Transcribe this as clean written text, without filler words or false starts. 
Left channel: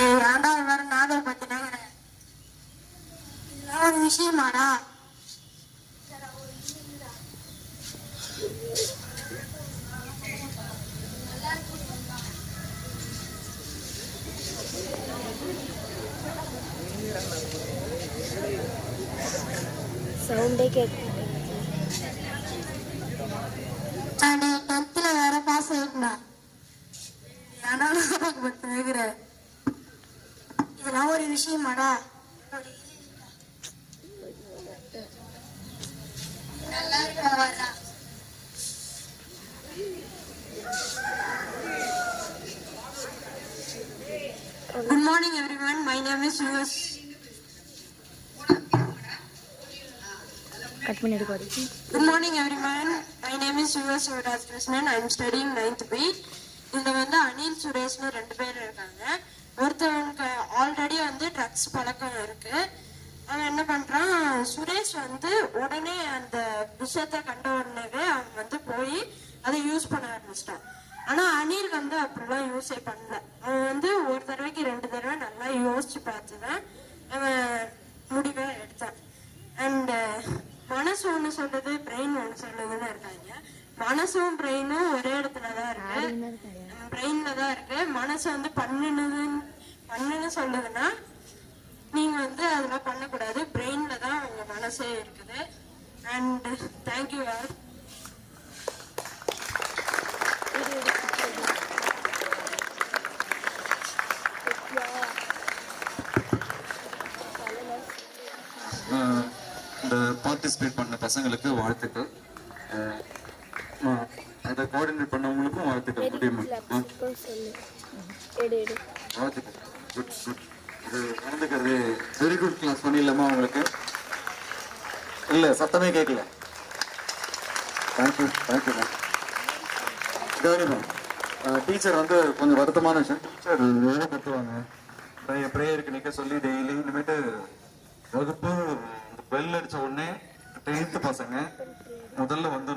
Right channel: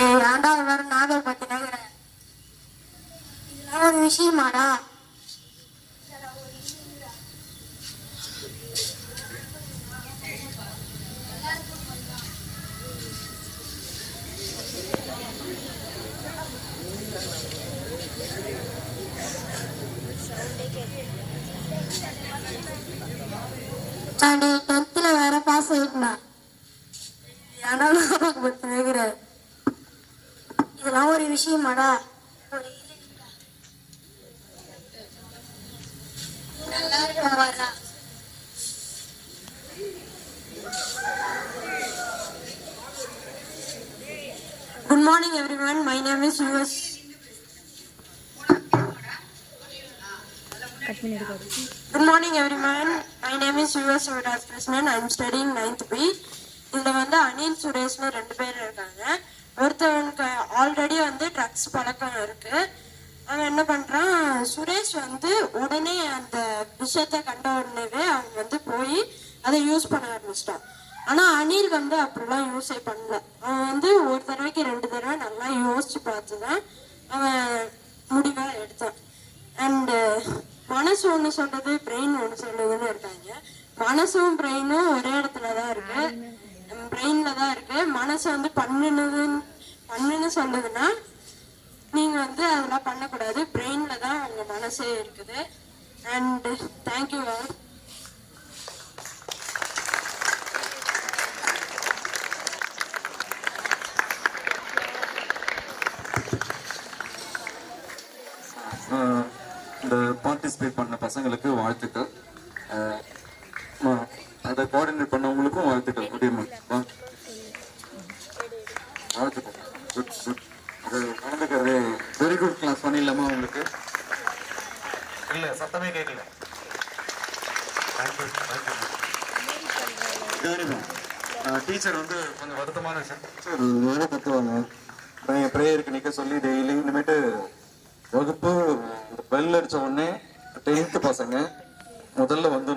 ரெண்டாவது வேற நாகல் பத்தினாங்க ஒரு விஷயமாடா சவுண்டே கேட்க 10th வேற பாஸ் ஆயிட்டா இதெல்லாம் ஒரு விஷயமாடா Good morning everyone, my name is US. Good morning everyone, my name is US Vidas Krishnan. I am studying 9th B. இதுல வந்து அனில் சுரேஷ்னு 2 பேர் இருக்காங்க. ஒருத்தவங்க ஆல்ரெடி வந்து ட்ரக்ஸ் பழக்கம் இருக்கு. அவன் என்ன பண்றான், சுரேஷ் வந்து உடனே அந்த விஷயத்த கண்ட உடனேவே அவன் வந்து போய் அதை யூஸ் பண்ண ஆரம்பிச்சிட்டான். ஆனா அனில் வந்து அப்படிலாம் யூஸே பண்ணல. அவன் வந்து ஒரு தடவைக்கு 2 தடவை நல்லா யோசிச்சு பார்த்துதான் அவன் முடிவை எடுத்தான். அண்ட் மனசு ஒண்ணு சொல்றது, பிரெயின் ஒண்ணு சொல்றதுன்னு இருக்காங்க. மனசும் பிரெயினும் ஒரே இடத்துலதான் இருக்கு, பிரெயின்ல தான் இருக்கு. மனசு வந்து பண்ணுன்னு சொல்லுதுன்னா நீங்க வந்து அதெல்லாம் பண்ணக்கூடாது, பிரெயின்ல தான் உங்க மனசே இருக்குது. And thank you all. இந்த பார்ட்டிசிபேட் பண்ண பசங்களுக்கு வாழ்த்துக்கள், அதை கோஆர்டினேட் பண்ணவங்களுக்கும் வாழ்த்துக்கள். வாழ்த்துக்கள், குட் குட். இது நடந்துக்கிறது வெரி குட் கிளாஸ். பண்ணிடலாமா உங்களுக்கு? இல்லை, சத்தமே கேட்கல. Thank you thank you ma'am. கவனிமா, டீச்சர் வந்து கொஞ்சம் வருத்தமான விஷயம். டீச்சர் எவ்வளோ கற்றுவாங்க, ப்ரேயருக்கு நிற்க சொல்லி டெய்லி. இனிமேட்டு வகுப்பு பெல் அடித்த உடனே 10th பசங்க முதல்ல வந்து